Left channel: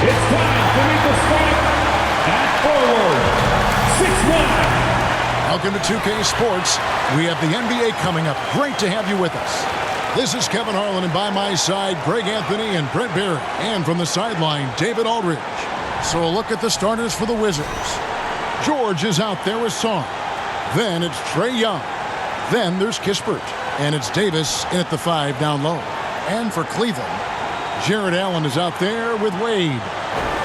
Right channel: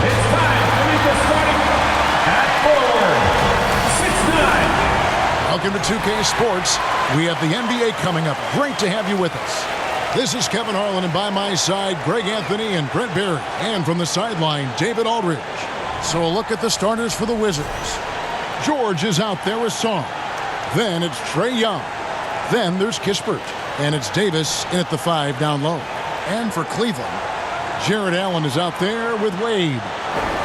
It's time to meet the starting at forward, 6'9". Welcome to 2K Sports. We have the NBA coming up. Great to have you with us. This is Kevin Harlan, and by my side, Greg Anthony and Brent Barry. And from the sideline, David Aldridge. So a look at the starters for the Wizards. George is out there with Song. Then it's Trae Young. Then there's Kispert. And it's Davis in at the 5 down low. And for Cleveland, Jarrett Allen is out there with Wade.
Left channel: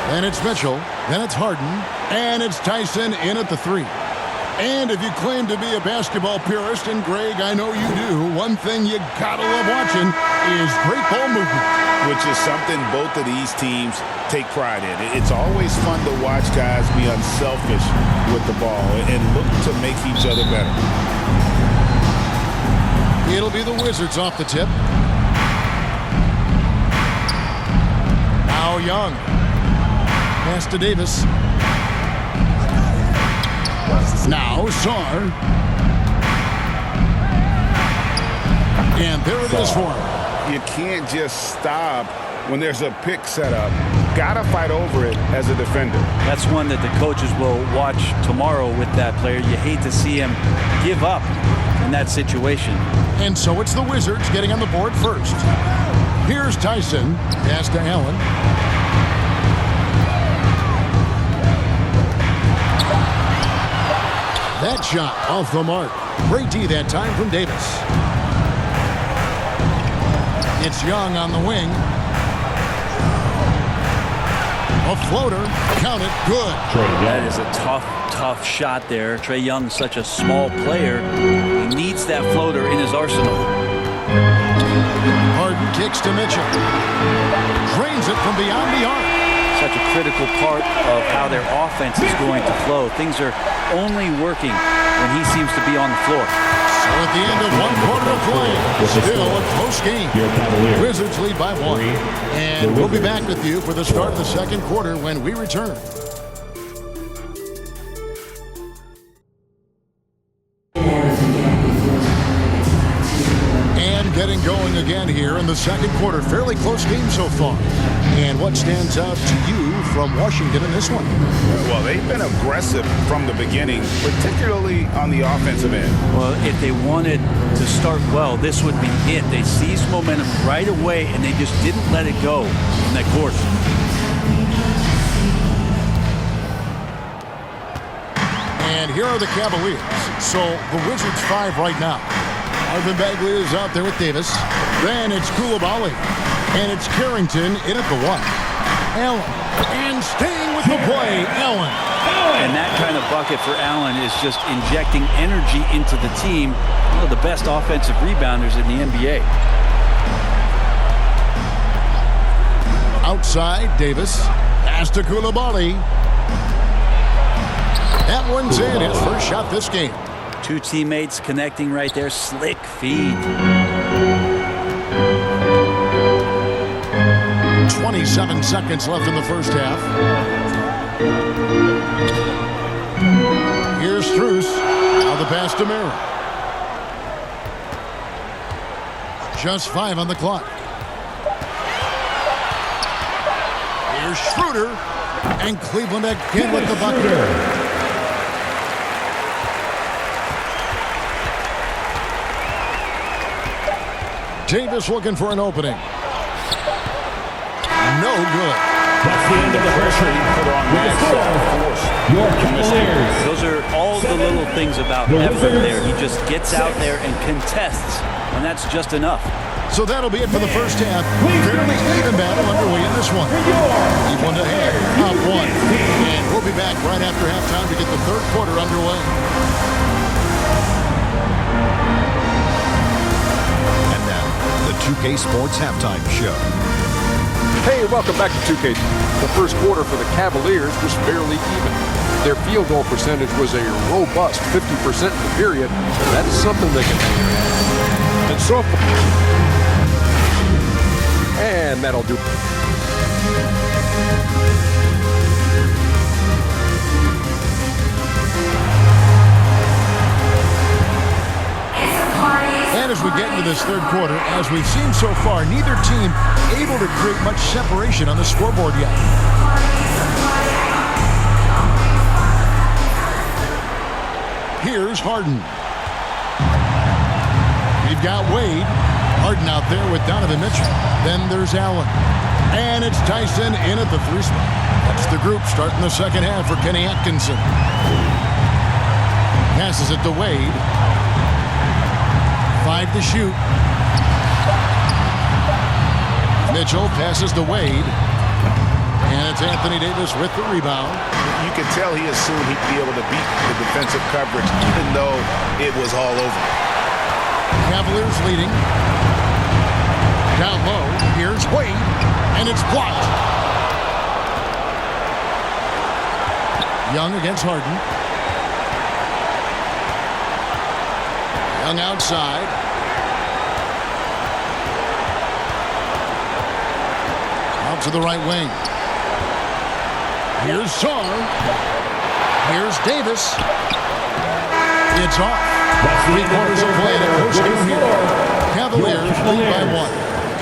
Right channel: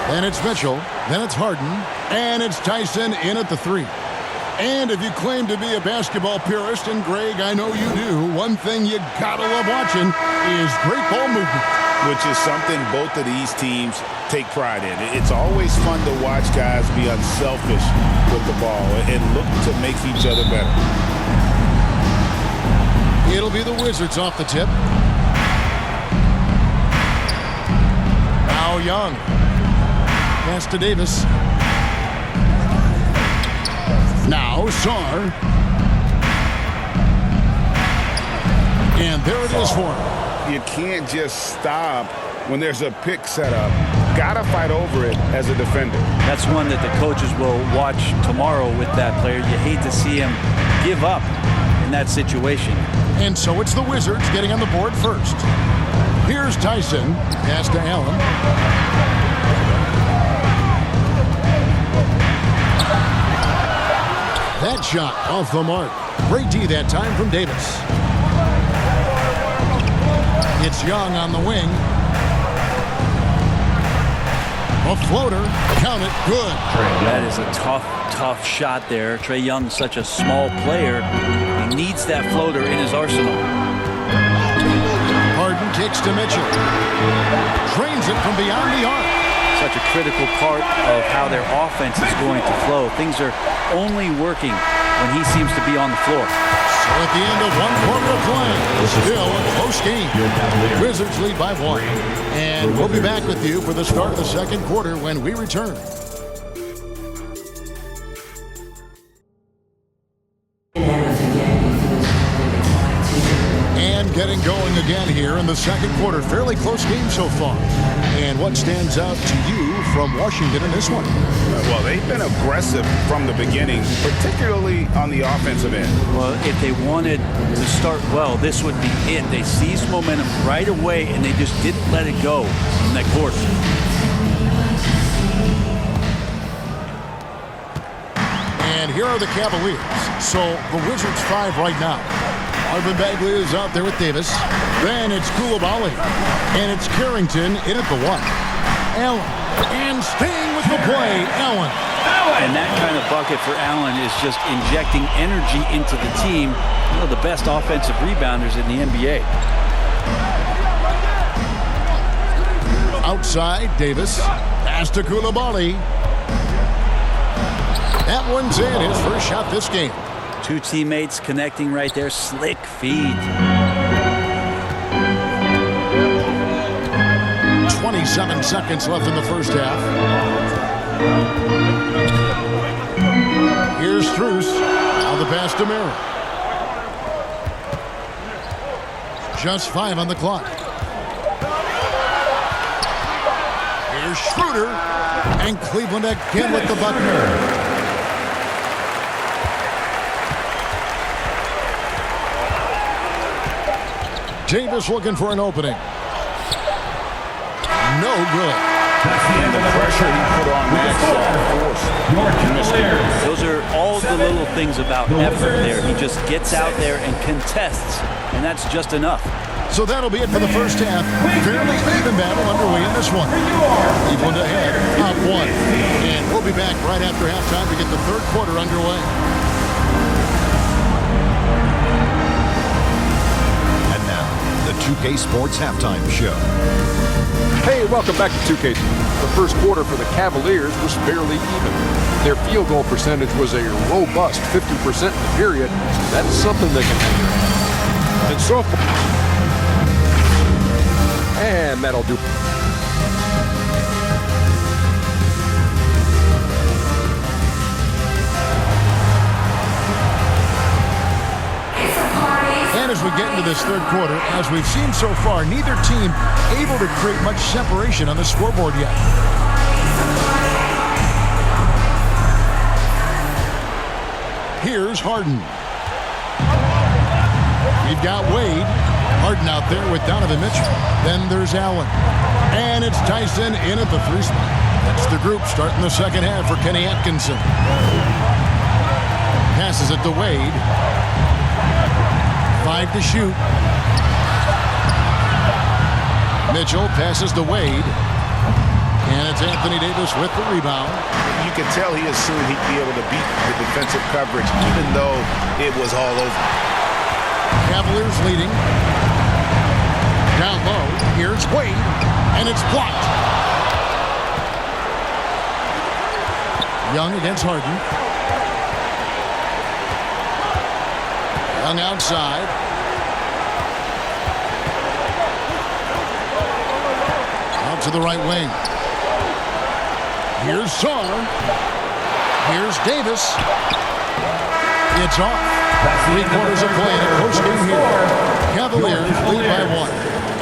Then it's Mitchell. Then it's Harden. And it's Tyson in at the 3. And if you claim to be a basketball purist, and Greg, I know you do, one thing you gotta love watching is great ball movement. Which is something both of these teams take pride in. It's always fun to watch guys be unselfish with the ball and look to make each other better. It'll be the Wizards off the tip. Now Young. Pass to Davis. Now Sarr. And there it is for him. You can't just stop when there's a pick set up. Gotta fight over it as a defender. That's one that the coaches will watch tomorrow with that player. You hate to see him give up in that situation. And so it's the Wizards getting on the board first. Here's Tyson. Pass to Allen. That shot off the mark. Great D that time from Davis. It's Young on the wing. A floater. Count it. Good. That is a tough shot there. Trae Young's such a small player. He needs that floater in his arsenal. Harden kicks to Mitchell. Drains it from beyond the arc. Such a critical part of how their offense is going to flow. Things are only working when he seems to be on the floor. So at the end of one quarter of play, still a close game. Wizards lead by 1. And we'll be back with you for the start of the second quarter when we return. And getting going again here in the second quarter. Fairly close game so far. And what stands out to you from Washington in this one? Well, they've been aggressive from the beginning, particularly on the offensive end. Well, if they wanted to start well, this would be it. They seized momentum right away, and they just didn't let it go in that quarter. And here are the Cavaliers. So the Wizards 5 right now. Marvin Bagley is out there with Davis. Then it's Coulibaly. And it's Carrington in at the 1. Allen. And staying with the play, Allen. And that kind of bucket for Allen is just injecting energy into the team. One of the best offensive rebounders in the NBA. Outside, Davis. Pass to Coulibaly. That one's in. His first shot this game. Two teammates connecting right there. Slick feed. 27 seconds left in the first half. Here's Strus. Now the pass to Mara. Just 5 on the clock. Here's Schroeder. And Cleveland again with the bucket. Davis looking for an opening. No good. That's the end of the pressure he put on that force. Your Cavaliers. Those are all the little things about effort there. He just gets out there and contests, and that's just enough. So that'll be it for the first half. Fairly even battle underway in this one. Cleveland ahead, up 1. And we'll be back right after halftime to get the third quarter underway. And now, the 2K Sports Halftime Show. Hey, welcome back to 2K. The first quarter for the Cavaliers was fairly even. Their field goal percentage was a robust 50% in the period, so that's something they can hang their hat on. And so far, and that'll do. And as we get into this third quarter, as we've seen so far, neither team able to create much separation on the scoreboard yet. Here's Harden. We've got Wade. Harden out there with Donovan Mitchell. Then there's Allen. And it's Tyson in at the 3 spot. That's the group starting the second half for Kenny Atkinson. Passes it to Wade. 5 to shoot. Mitchell passes to Wade. And it's Anthony Davis with the rebound. You could tell he assumed he'd be able to beat the defensive coverage, even though it was all over. Cavaliers leading. Down low. Here's Wade. And it's blocked. Young against Harden. Young outside. Out to the right wing. Here's Sarr. Here's Davis. It's off. 3 quarters of play in a close game here. Cavaliers lead by 1.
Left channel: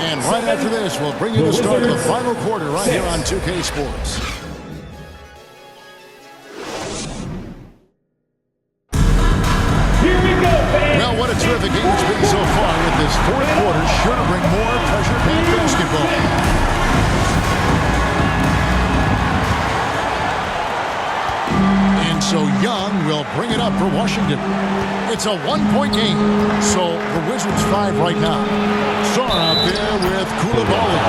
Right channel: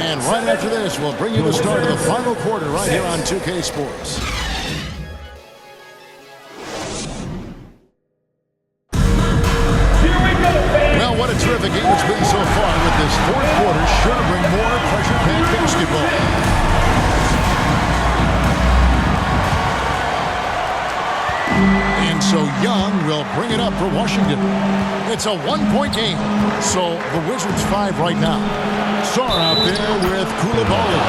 And right after this, we'll bring you the start of the final quarter right here on 2K Sports. Well, what a terrific game it's been so far, with this 4th quarter sure to bring more pressure-packed basketball. And so Young will bring it up for Washington. It's a 1-point game, so the Wizards 5 right now. Sarr out there with Koulibaly.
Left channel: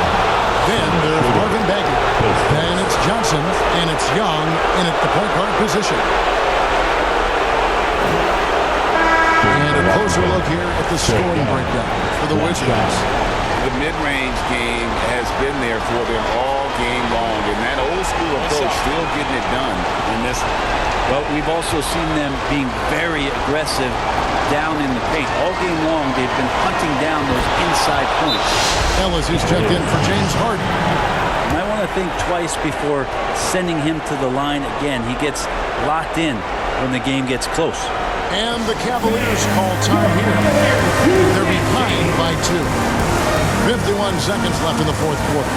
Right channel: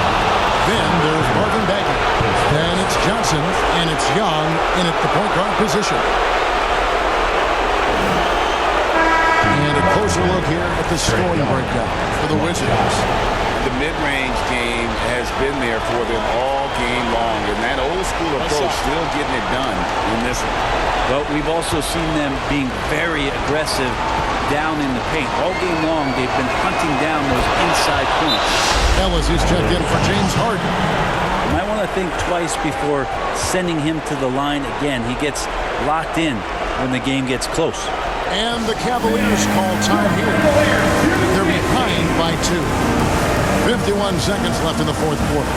Then there's Marvin Bagley. Then it's Johnson, and it's Young in at the point guard position. And a closer look here at the scoring breakdown for the Wizards. The mid-range game has been there for them all game long, and that old-school approach still getting it done in this. Well, we've also seen them being very aggressive down in the paint. All game long, they've been hunting down those inside points. Ellis is checked in for James Harden. You might want to think twice before sending him to the line again. He gets locked in when the game gets close. And the Cavaliers call time here. They're behind by 2. 51 seconds left in the 4th quarter.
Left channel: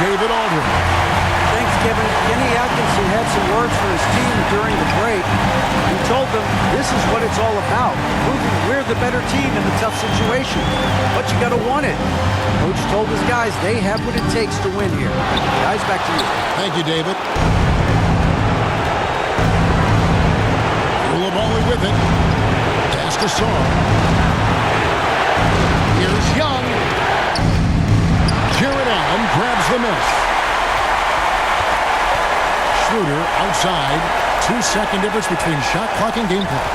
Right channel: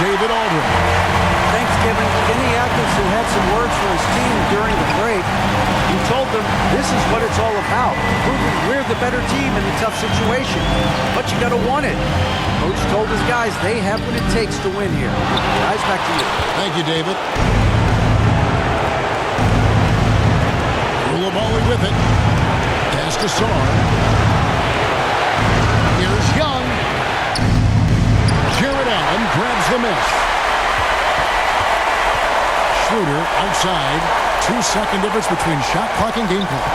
David Aldridge. Thanks, Kevin. Kenny Atkinson had some words for his team during the break. He told them this is what it's all about, proving we're the better team in a tough situation. But you got to want it. Coach told his guys they have what it takes to win here. Guys, back to you. Thank you, David. Koulibaly with it. Pass to Sarr. Here's Young. Jared Allen grabs the miss. Schroeder outside. 2-second difference between shot clock and game clock.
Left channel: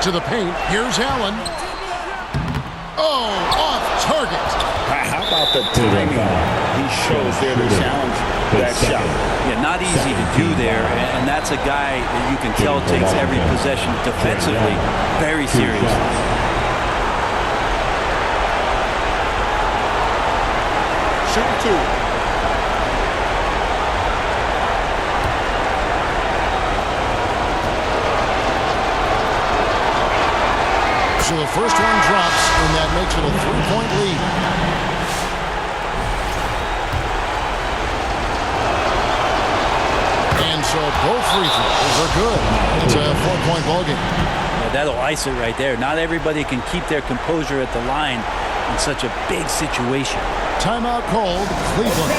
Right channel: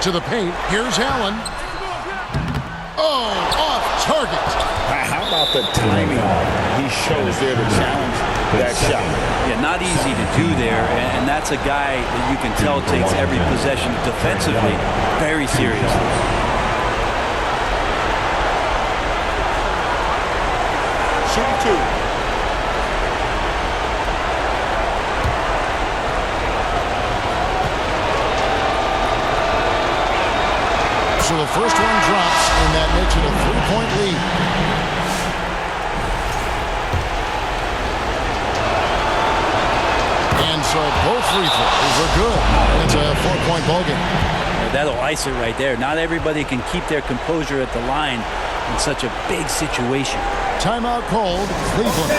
To the paint. Here's Allen. Oh, off target. How about the timing he shows there to challenge that shot? Yeah, not easy to do there, and that's a guy that you can tell takes every possession defensively very seriously. Shooting 2. So the first one drops, and that makes it a 3-point lead. And so both free throws are good. It's a 4-point ball game. Yeah, that'll ice it right there. Not everybody can keep their composure at the line in such a big situation. Timeout called. Cleveland.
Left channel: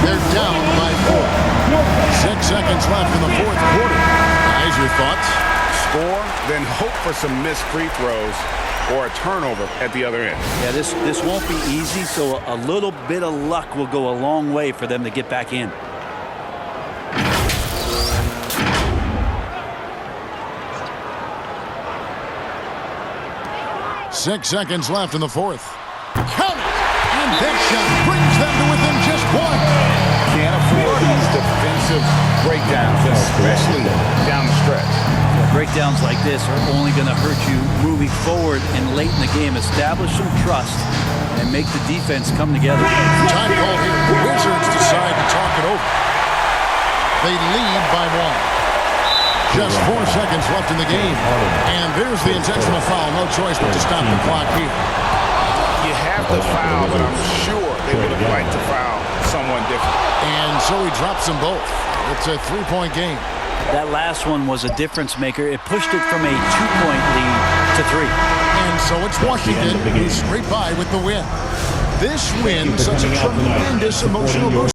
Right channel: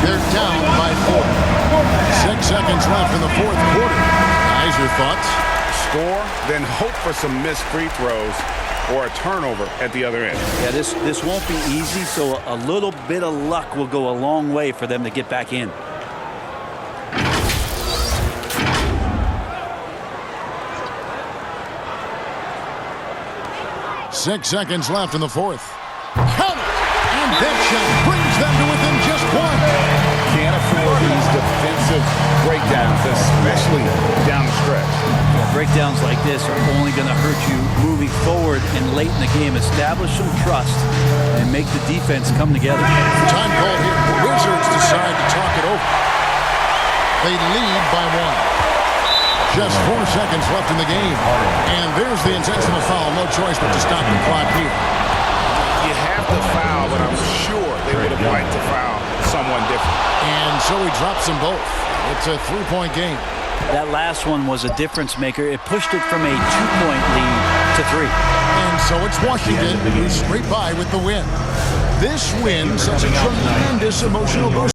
They're down by 4. 6 seconds left in the 4th quarter. Guys, your thoughts? Score, then hope for some missed free throws or a turnover at the other end. Yeah, this won't be easy, so a little bit of luck will go a long way for them to get back in. 6 seconds left in the fourth. Count it! And that shot brings them to within just one. Can't afford these defensive breakdowns, especially down the stretch. Yeah, breakdowns like this are only going to hurt you moving forward and late in the game. Establish some trust and make the defense come together. Time called here. The Wizards decide to talk it over. They lead by 1. Just 4 seconds left in the game. And there's the intentional foul. No choice but to stop the clock here. You have to foul, but I'm sure they would have liked to foul someone different. And so he drops them both. It's a 3-point game. That last one was a difference maker. It pushed it from a 2-point lead to 3. And so it's Washington who scraped by with the win. This win, such a tremendous emotional boost.